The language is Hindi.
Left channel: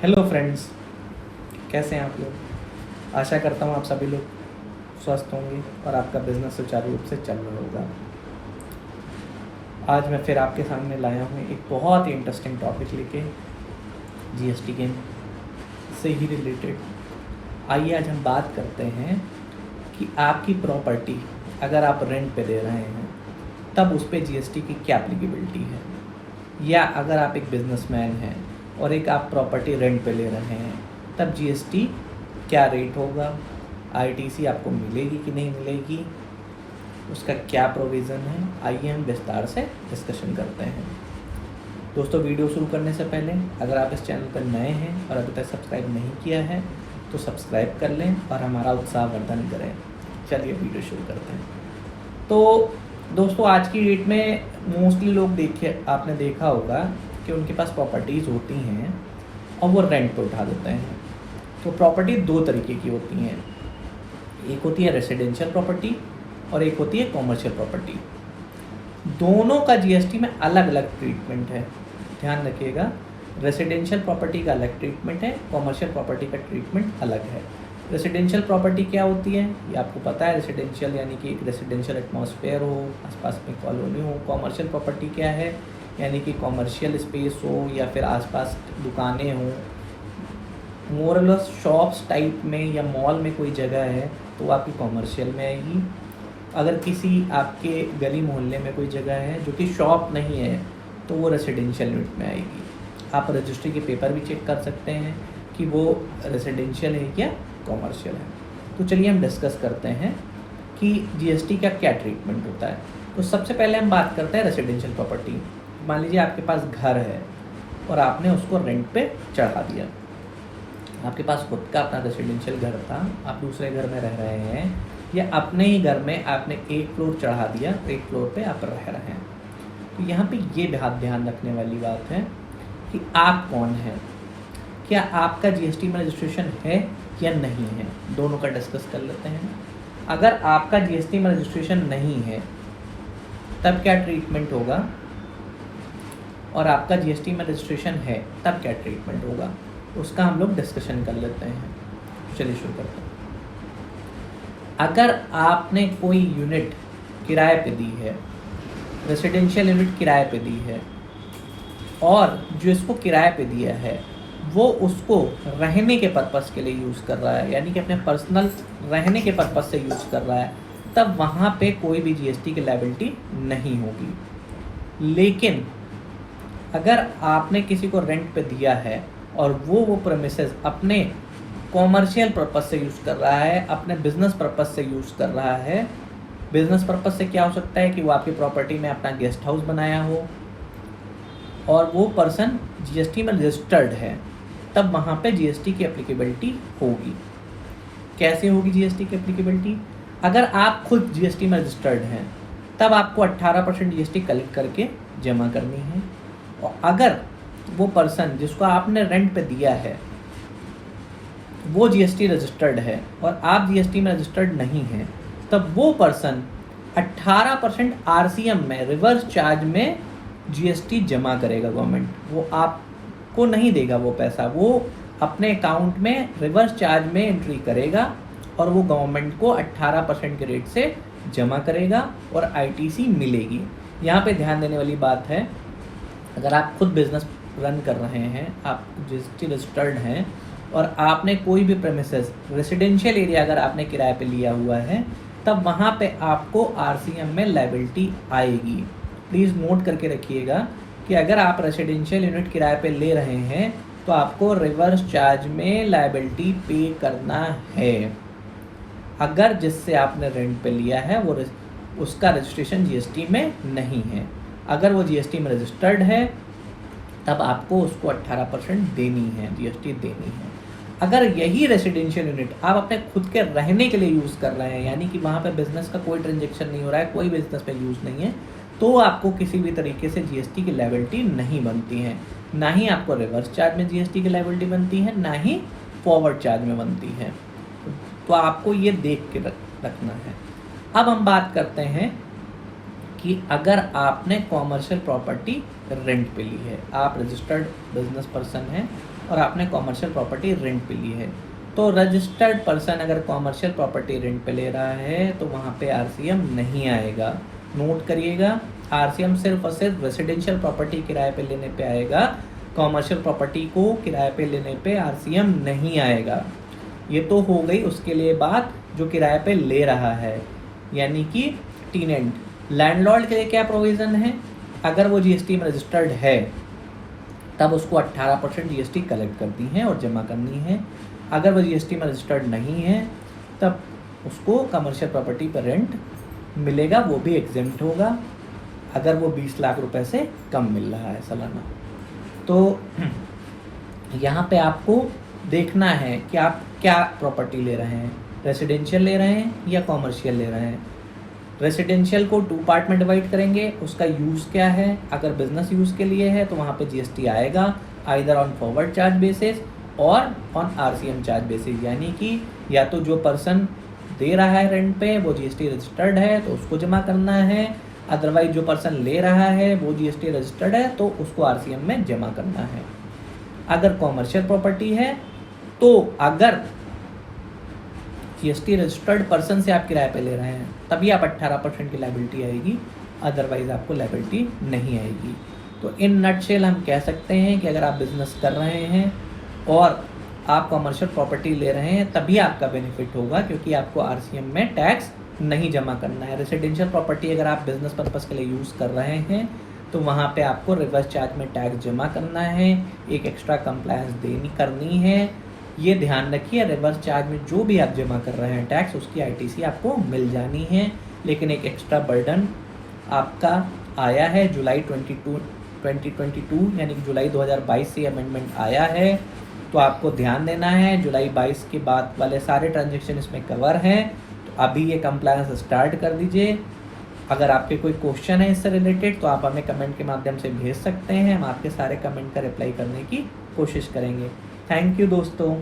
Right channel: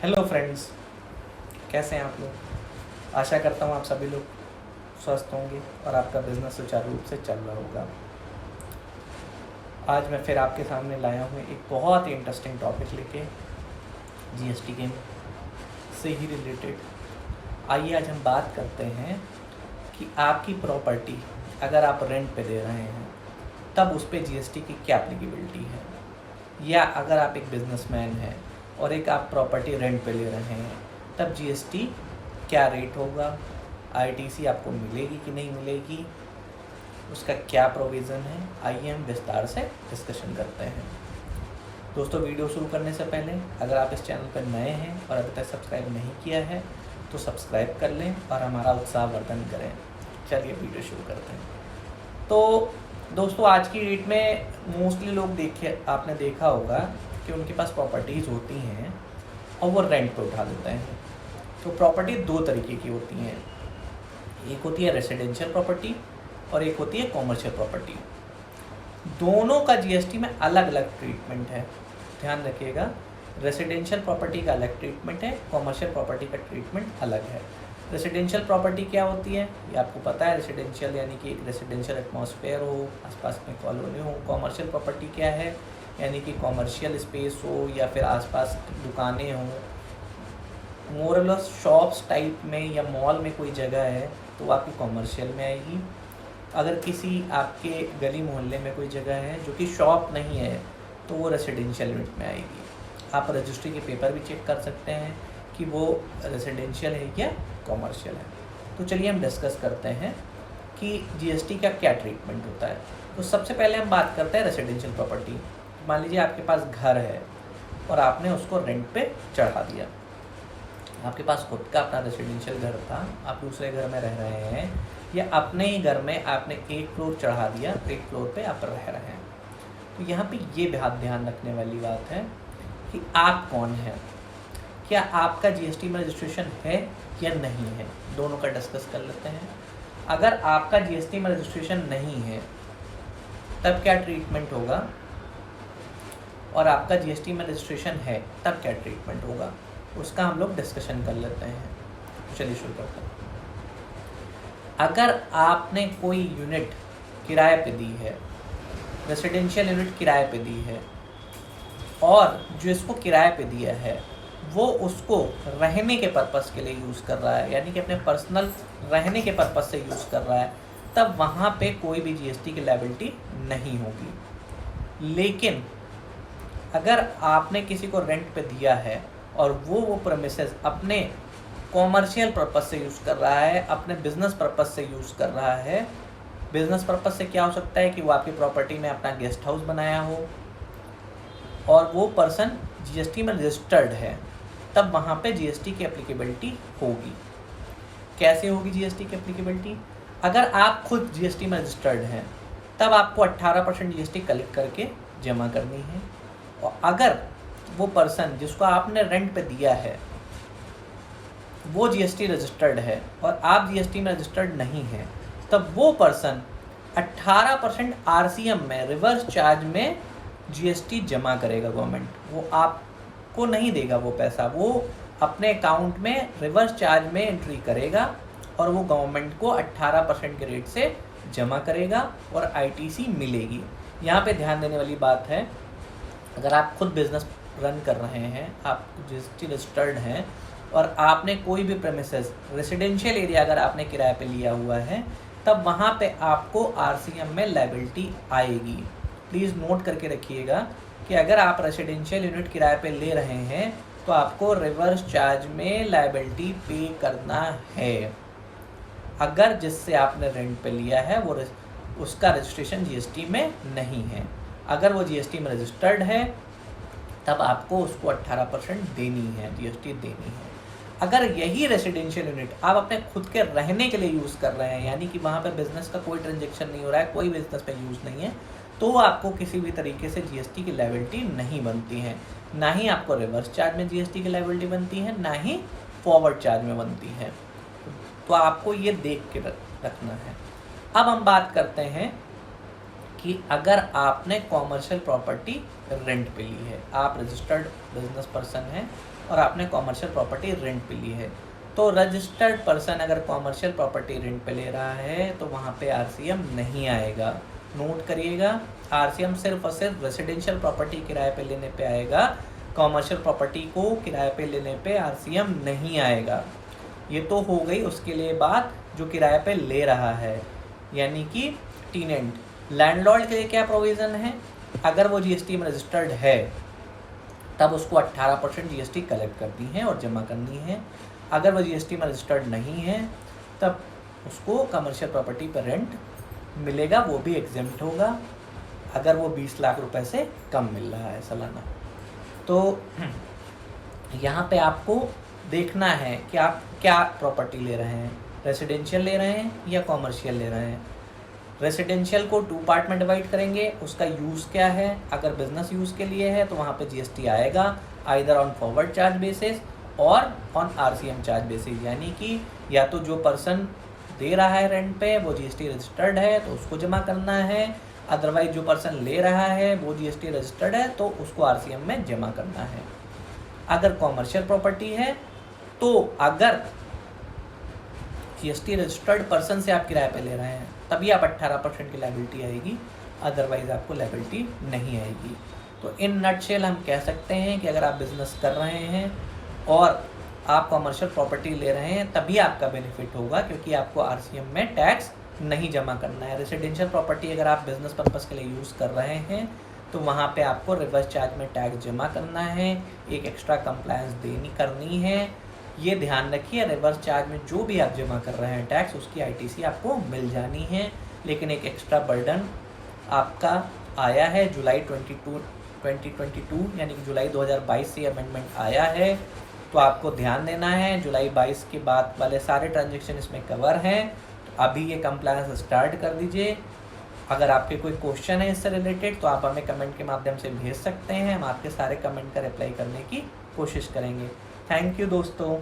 हेलो फ्रेंड्स, कैसे हैं आप लोग। आशा करता हूँ आप सभी लोग स्वस्थ होंगे और आपका बिजनेस सुचारू रूप से चल रहा होगा। आज मैं फिर आपके सामने लाया हूँ एक बहुत ही इंटरेस्टिंग टॉपिक लेके, जीएसटी के से ही रिलेटेड। आइए आज हम बात करते हैं कि आपकी प्रॉपर्टी अगर आप रेंट पे दे रहे हैं तब उस पर जीएसटी की क्या एप्लीकेबिलिटी है, या अगर आप एक बिजनेसमैन हैं और एक आप प्रॉपर्टी रेंट पे ले रहे हैं तब जीएसटी क्या रेट होगा, आईटीसी आपको मिलेगी कि नहीं मिलेगी, उसका क्या प्रोविज़न है। आइए हम विस्तार से डिस्कशन करते हैं। दोस्तों, वीडियो शुरू करने से पहले अगर आप इस चैनल पर नए हैं और अभी तक सब्सक्राइब नहीं किया है तो सब्सक्राइब कर लें और हमारा उत्साहवर्धन करें। चलिए वीडियो शुरू करते हैं। तो दोस्तों, आज की डेट में मोस्टली लोग आपने देखा होगा कि उनके पास प्रॉपर्टीज़ होती हैं और वो रेंट पे उठा देते हैं। तो प्रॉपर्टी दो तरीके की होती हैं, एक होती है रेसिडेंशियल प्रॉपर्टी और एक होती है कॉमर्शियल प्रॉपर्टी। दोनों का जीएसटी में अलग अलग ट्रीटमेंट है, ध्यान रखिएगा। रेसिडेंशियल प्रॉपर्टी का अलग ट्रीटमेंट है, कॉमर्शियल प्रॉपर्टी का ट्रीटमेंट अलग है। रेसिडेंशियल प्रॉपर्टी क्या होती है ये आपको पता है। रेसिडेंशियल यानी कि एक रेसिडेंशियल एटमॉस्फेयर हो, आसपास में कॉलोनी हो। कॉमर्शियल प्रॉपर्टी क्या है, यानी कि कॉमर्शियल स्पेस हो या फिर आसपास दुकानें हों, मोरलेस शॉप्स टाइप में या मॉल में कोई जगह है तो वो आपकी कॉमर्शियल में आएगी। अगर किसी आपके गली मोहल्ले में कोई जगह है जो कि शॉप नहीं है तो वो रेसिडेंशियल यूनिट में आएगी। आप रजिस्ट्री के पेपर भी चेक कर सकते हैं कि वो रेसिडेंशियल है या कॉमर्शियल है। तो चलिए हम डिस्कस करते हैं कि जीएसटी का क्या ट्रीटमेंट होता है। तो सबसे पहले हम बात करते हैं रेसिडेंशियल प्रॉपर्टी। मान लीजिए आपके पास घर है और आपने उसको रेंट पे चढ़ा दिया। आपके पास खुद का अपना रेसिडेंशियल घर था, आप दूसरे घर में रह रहे हैं, या अपने ही घर में आपने एक फ्लोर चढ़ा दिया तो एक फ्लोर पे आप रह रहे हैं। तो यहाँ पे ये ध्यान रखने वाली बात है कि आप कौन हैं, क्या आपका जीएसटी में रजिस्ट्रेशन है या नहीं है। दोनों का डिस्कस कर लेते हैं। अगर आपका जीएसटी में रजिस्ट्रेशन नहीं है तब क्या ट्रीटमेंट होगा, और आपका जीएसटी में रजिस्ट्रेशन है तब क्या ट्रीटमेंट होगा, उसका हम लोग डिस्कशन कर लेते हैं। चलिए शुरू करते हैं। अगर आपने कोई यूनिट किराए पे दी है, रेसिडेंशियल यूनिट किराए पे दी है, और जो इसको किराए पे दिया है वो उसको रहने के पर्पस के लिए यूज़ कर रहा है, यानी कि अपने पर्सनल रहने के पर्पस से यूज़ कर रहा है, तब वहाँ पे कोई भी जीएसटी की लायबिलिटी नहीं होगी। लेकिन अगर आपने किसी को रेंट पे दिया है और वो प्रेमिसेस अपने कॉमर्शियल पर्पस से यूज़ कर रहा है, अपने बिजनेस पर्पस से यूज़ कर रहा है। बिजनेस पर्पस से क्या हो सकता है कि वो आपकी प्रॉपर्टी में अपना गेस्ट हाउस बनाया हो और वो पर्सन जीएसटी में रजिस्टर्ड है, तब वहाँ पे जीएसटी की एप्लीकेबिलिटी होगी। कैसे होगी जीएसटी की एप्लीकेबिलिटी? अगर आप खुद जीएसटी में रजिस्टर्ड हैं तब आपको 18% जीएसटी कलेक्ट करके जमा करनी है, और अगर वो पर्सन जिसको आपने रेंट पे दिया है वो जीएसटी रजिस्टर्ड है और आप जीएसटी में रजिस्टर्ड नहीं हैं, तब वो पर्सन 18% आरसीएम में रिवर्स चार्ज में जीएसटी जमा करेगा। गवर्नमेंट वो आपको नहीं देगा वो पैसा, वो अपने अकाउंट में रिवर्स चार्ज में एंट्री करेगा और वो गवर्नमेंट को 18% के रेट से जमा करेगा और आईटीसी मिलेगी। यहाँ पे ध्यान देने वाली बात है, अगर आप खुद बिजनेस रन कर रहे हैं, आप जीएसटी रजिस्टर्ड हैं और आपने कोई भी प्रेमिसेस रेसिडेंशियल एरिया अगर आपने किराए पे लिया हुआ है, तब वहाँ पे आपको आरसीएम में लायबिलिटी आएगी। प्लीज़ नोट करके रखिएगा कि अगर आप रेसिडेंशियल यूनिट किराए पे ले रहे हैं तो आपको रिवर्स चार्ज में लायबिलिटी पे करना है। अगर जिससे आपने रेंट पे लिया है वो उसका रजिस्ट्रेशन जीएसटी में नहीं है, अगर वो जीएसटी में रजिस्टर्ड है तब आपको उसको 18% देनी है, जीएसटी देनी है। अगर यही रेसिडेंशियल यूनिट आप अपने खुद के रहने के लिए यूज़ कर रहे हैं, यानी कि वहाँ पे बिजनेस का कोई ट्रांजेक्शन नहीं हो रहा है, कोई बिजनेस पे यूज़ नहीं है, तो आपको किसी भी तरीके से जीएसटी की लायबिलिटी नहीं बनती है। ना ही आपको रिवर्स चार्ज में जीएसटी की लायबिलिटी बनती है, ना ही फॉरवर्ड चार्ज में बनती है। तो आपको ये देख के रखना है। अब हम बात करते हैं कि अगर आपने कॉमर्शियल प्रॉपर्टी रेंट पे ली है। आप रजिस्टर्ड बिजनेस पर्सन हैं और आपने कॉमर्शियल प्रॉपर्टी रेंट पे ली है। तो रजिस्टर्ड पर्सन अगर कॉमर्शियल प्रॉपर्टी रेंट पे ले रहा है तो वहाँ पे आरसीएम नहीं आएगा। नोट करिएगा, आरसीएम सिर्फ और सिर्फ रेसिडेंशियल प्रॉपर्टी किराए पे लेने पे आएगा, कॉमर्शियल प्रॉपर्टी को किराए पे लेने पे आरसीएम नहीं आएगा। ये तो हो गई उसके लिए बात जो किराए पे ले रहा है, यानी कि टीनेंट। लैंडलॉर्ड के लिए क्या प्रोविज़न है? अगर वो जीएसटी में रजिस्टर्ड है तब उसको 18% जीएसटी कलेक्ट करनी है और जमा करनी है। अगर वो जीएसटी में रजिस्टर्ड नहीं है तब उसको कमर्शियल प्रॉपर्टी पर रेंट मिलेगा, वो भी एग्जेम्प्ट होगा अगर वो 20 लाख रुपए से कम मिल रहा है सालाना। तो यहाँ पे आपको देखना है कि आप क्या प्रॉपर्टी ले रहे हैं, रेसिडेंशियल ले रहे हैं या कॉमर्शियल ले रहे हैं। रेसिडेंशियल को 2 पार्ट में डिवाइड करेंगे, उसका यूज़ क्या है। अगर बिजनेस यूज़ के लिए है तो वहाँ पे जीएसटी आएगा, either on forward charge basis और ऑन आरसीएम चार्ज बेसिस, यानी कि या तो जो पर्सन दे रहा है रेंट पे वो जीएसटी रजिस्टर्ड है तो उसको जमा करना है, अदरवाइज जो पर्सन ले रहा है वो जीएसटी रजिस्टर्ड है तो उसको आरसीएम में जमा करना है। अगर कॉमर्शियल प्रॉपर्टी है तो अगर जीएसटी रजिस्टर्ड पर्सन से आप किराए पे ले रहे हैं तभी आप 18% की लायबिलिटी आएगी, अदरवाइज आपको लायबिलिटी नहीं आएगी। तो इन नटशेल हम कह सकते हैं कि अगर आप बिजनेस कर रहे हैं और आप कॉमर्शियल प्रॉपर्टी ले रहे हैं तभी आपका बेनिफिट होगा, क्योंकि आपको आरसीएम में टैक्स नहीं जमा करना है। रेसिडेंशियल प्रॉपर्टी अगर आप बिजनेस पर्पज़ के लिए यूज़ कर रहे हैं तो वहाँ पे आपको रिवर्स चार्ज में टैक्स जमा करना है, एक एक्स्ट्रा कंप्लायंस करनी है। ये ध्यान रखिए, रिवर्स चार्ज में जो भी आप जमा कर रहे हैं टैक्स उसकी आईटीसी आपको मिल जानी है, लेकिन एक एक्स्ट्रा बर्डन आपका आया है जुलाई 2022 यानी कि जुलाई 2022 से अमेंडमेंट आया है, तो आपको ध्यान देना है। जुलाई 22 के बाद वाले सारे ट्रांजेक्शन इसमें कवर हैं, तो अभी ये कंप्लायंस स्टार्ट कर दीजिए। अगर आपके कोई क्वेश्चन है इससे रिलेटेड तो आप हमें कमेंट के माध्यम से भेज सकते हैं, हम आपके सारे कमेंट का रिप्लाई करने की कोशिश करेंगे। थैंक यू दोस्तों।